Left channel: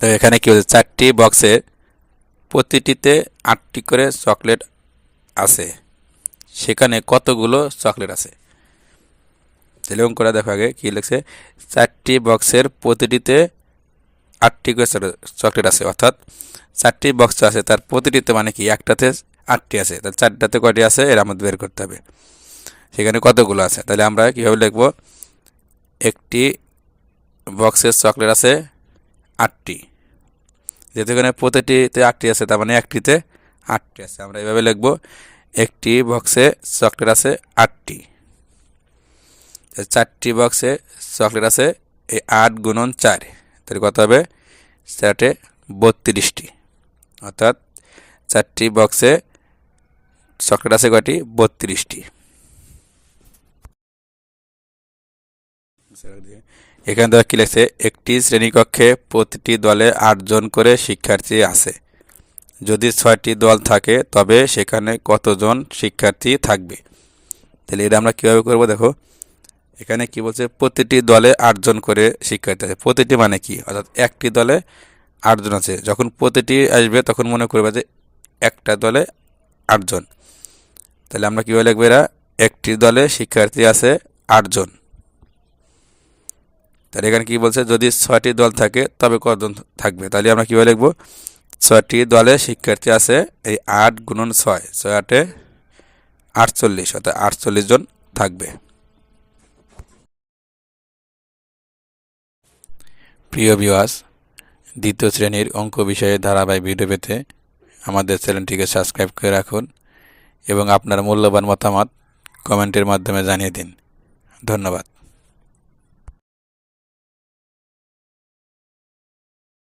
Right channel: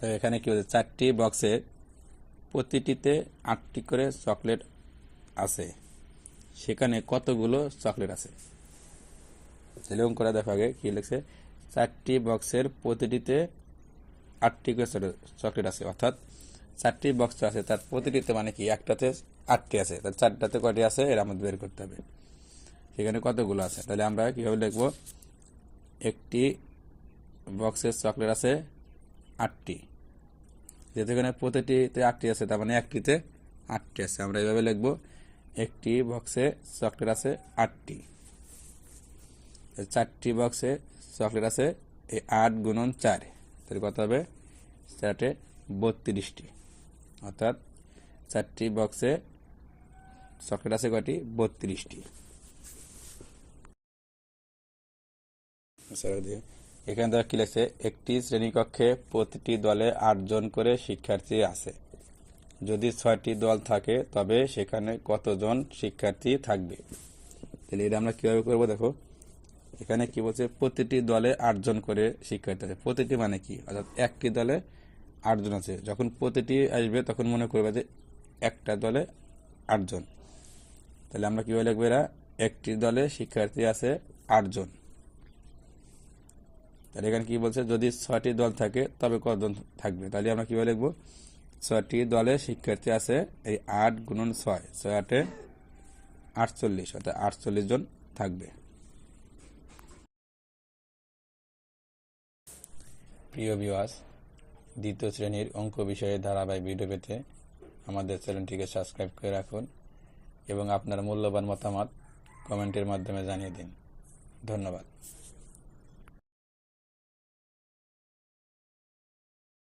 তো এখানে কি হচ্ছে চারটি বক্সে প্রতিটিতে আটটি করে চকলেট আছে। সেখানে কতগুলো চকলেট আছে? অঙ্ক করে দেখো আগে কী লিখছে? চারটি বক্সের প্রতিটিতে আটটি করে চকলেট- চকলেট আছে। অর্থাৎ চারটি বক্স আছে, তার প্রতিটিতে মানে কি? একটাতে আটটি আছে। তাহলে চারটাতে কয়টি আছে? এর আমাদের বের করতে হবে। সেখানে কতগুলো আছে? তাহলে আমরা কীভাবে লিখব? একটি বক্সের চকলেট আছে আটটি। যেহেতু এখানে প্রতিটিতে আটটি আছে, তার মানে একটিতে আটটি আছে। আমরা এইভাবে লিখব, একটি বক্সে চকলেট আছে আটটি। চারটি বক্সে চকলেট আছে, এই আট গুণন চার। তাহলে কত হবে? চারটে বত্রিশটি। অর্থাৎ চারটি বক্সে চকলেট আছে কয়টি? বত্রিশটি। এখানে দেওয়া কী লিখছে, একটি শ্রেণীকক্ষে প্রতিটি দলে আটজন করে শিক্ষার্থী আছে। যদি ছয়টি দল থাকে, তবে সেখানে কতজন শিক্ষার্থী থাকবে? তাহলে এটা আমরা কীভাবে করব দেখো। এখানে কি বলছে, প্রতিটি দলে আটজন করে শিক্ষার্থী আছে। প্রতিটি মানে কি? অর্থাৎ একটি দলে আটজন আছে। যখন প্রতিটি আসবে, তখন মনে করবে যে একটা দলে আটজন। তাহলে আমরা কীভাবে লিখব এরা? একটি দলে শিক্ষার্থী আছে আটজন। তাহলে এখানে কি বলছে? যদি ছয়টি দল থাকে, তবে কতজন থাকবে? তাহলে আমরা কীভাবে লিখব? ছয়টি দলে শিক্ষার্থী আছে, এই আট গুণন ছয় ছয় আটে আটচল্লিশ, অর্থাৎ আটচল্লিশ জন থাকবে। প্রিয় ভিউয়ার্স দ্বিতীয় শ্রেণির অঙ্ক বিষয়ে ধারাবাহিক ভিডিও পেতে আমাদের চ্যানেলটিকে সাবস্ক্রাইব করে রাখুন এবং আপনার মূল্যবান মতামত কমেন্টের মাধ্যমে জানিয়ে দিন। ধন্যবাদ।